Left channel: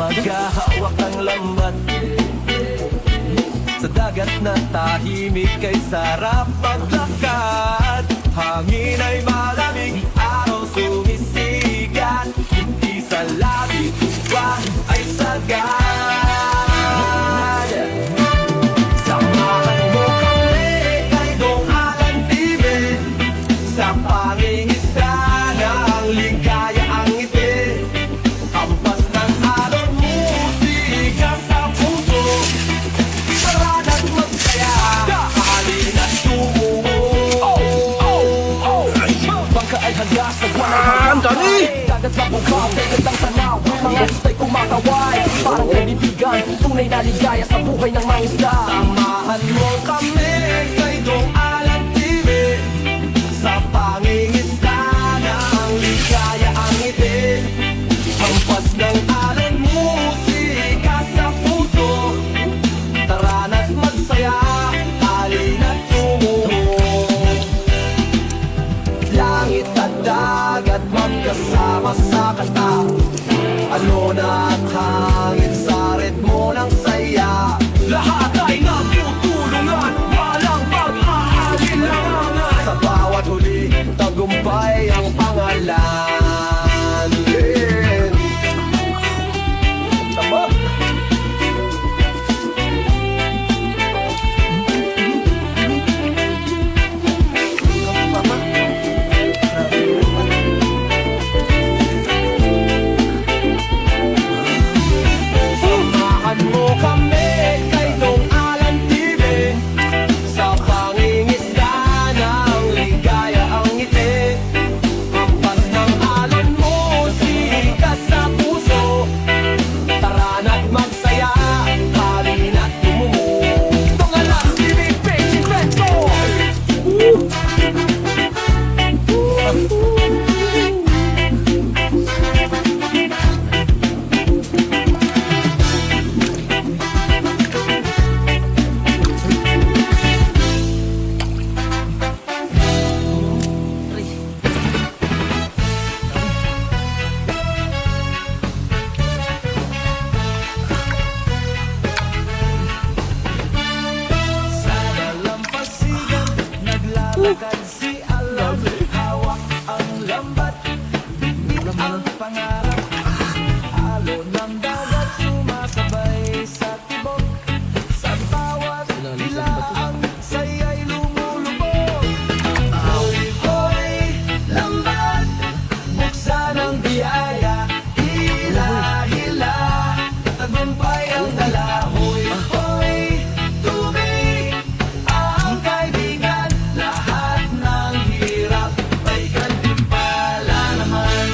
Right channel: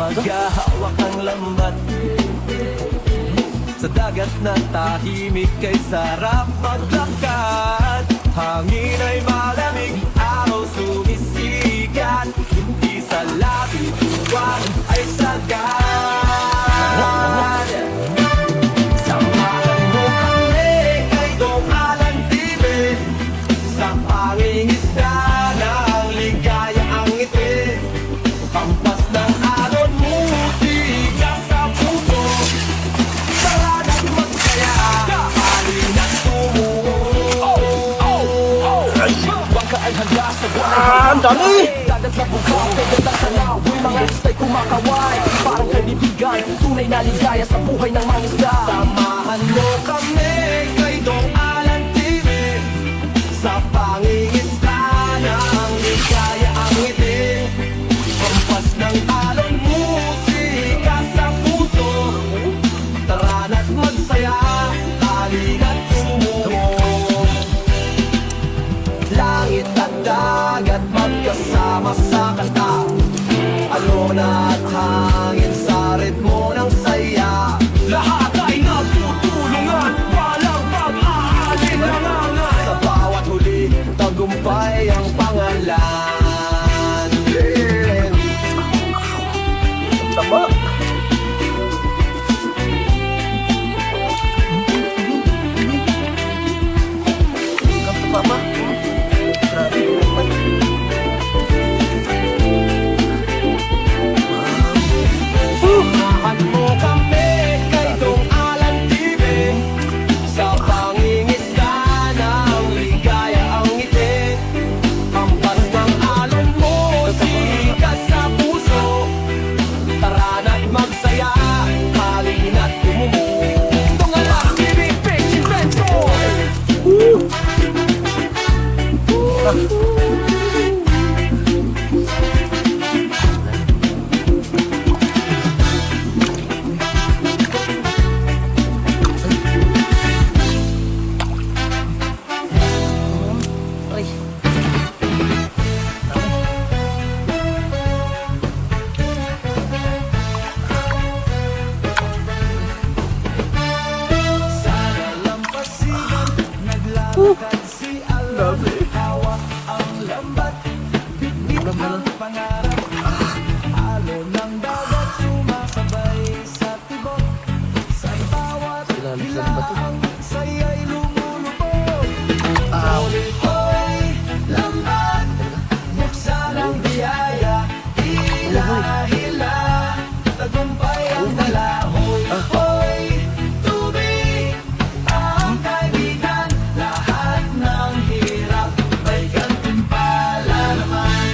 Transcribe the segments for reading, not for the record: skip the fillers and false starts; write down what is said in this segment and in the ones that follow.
maghahawak ng lambat. Sa dagat na tahimik kay sarap maglakad. Hangin ay malamig, araw sumisikat. Hindi sa labi, tuwa ay sagad. Samahan mo kami kay Dong Alan TV. Sa pangingisda ng ligaya ang ngiti. Hampas ng alon, musika sa puso. Parana't magsaya, halina't tumungo. Bangka ay handa, sagwan ay handa. Dagat na bungkaw, kay gandang tanawin. Mga istay kumakaway, parang kaibigan. Tunay na ligaya sa buhay ng mga isda. Samahan mo kami kay Dong Alan TV. Sa pangingisda ng ligaya ang ngiti. Hampas ng alon, musika sa puso. Tara na't magsaya, halina't tumungo. Langit at dagat magkasama sa kanta. Alon at hangin sa ritmo ng saya. Lahat ay nagtutulungan, walang pag-aalinlangan. Sa bawat huli, tagumpay ang pangalan. Ang tama. Kanto pa ba? Grabe, kapan. Samahan mo kami kay Dong Alan TV. Sa pangingisda ng ligaya ang ngiti. Hampas ng alon, musika sa puso. Tara na't magsaya, halina't tumungo. Dong Alan TV, Fish Inventor. Sa dalampasigan, naglalakad si Alan. Hawak ang lambat, bitbit ang pangarap. Alon ng dagat, sumasabay sa tibok. Sa bawat hilaang saya'y lumulubog. Hoy, hoy, lambat, buksan ang biyaya. Hila, hila, tagumpay ang dala. Hoy, hoy, tubig, ang kaibigan. Lahat ng hirap, may gantimpala naman.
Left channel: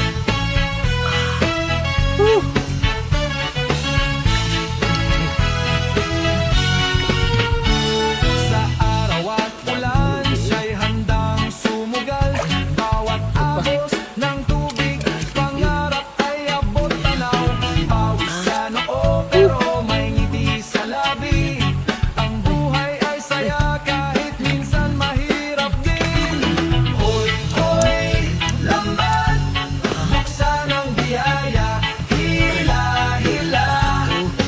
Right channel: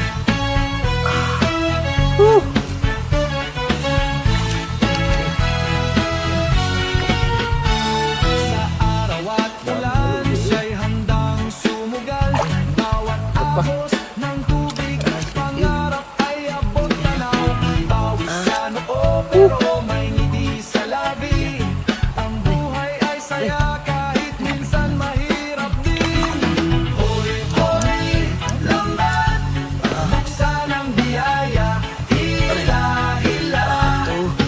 Sa araw at ulan, siya'y handang sumugal. Bawat agos ng tubig, pangarap ay abot tanaw. Pawis sa noo, pero may ngiti sa labi. Ang buhay ay saya kahit minsan mahirap din. Hoy, hoy, lambat, buksan ang biyaya. Hila, hila,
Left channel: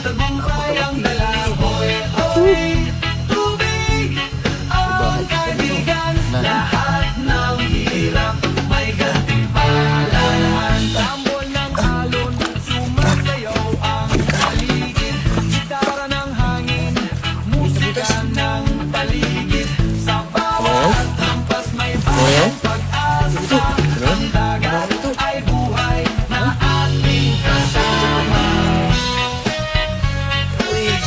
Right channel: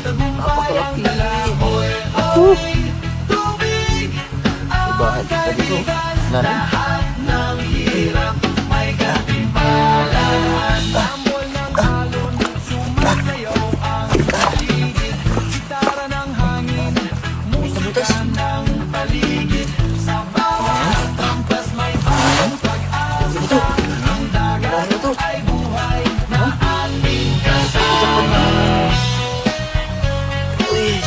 tagumpay ang dala. Hoy, hoy, tubig, ang kaibigan. Lahat ng hirap, may gantimpala naman. Tambol ng alon, sumasayaw ang paligid. Gitara ng hangin, musika ng paligid. Sa bawat hampas may bagong pag-asa. Ang dagat ay buhay na ating kasama. Hoy,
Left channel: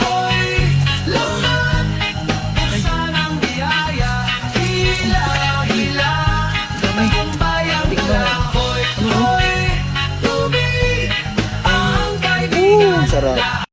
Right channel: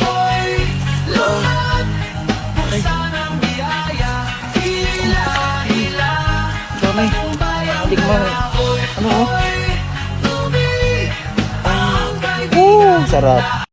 hoy, lambat, buksan ang biyaya. Hila, hila, tagumpay ang dala. Hoy, hoy, tubig, ang kaibigan. Sarap.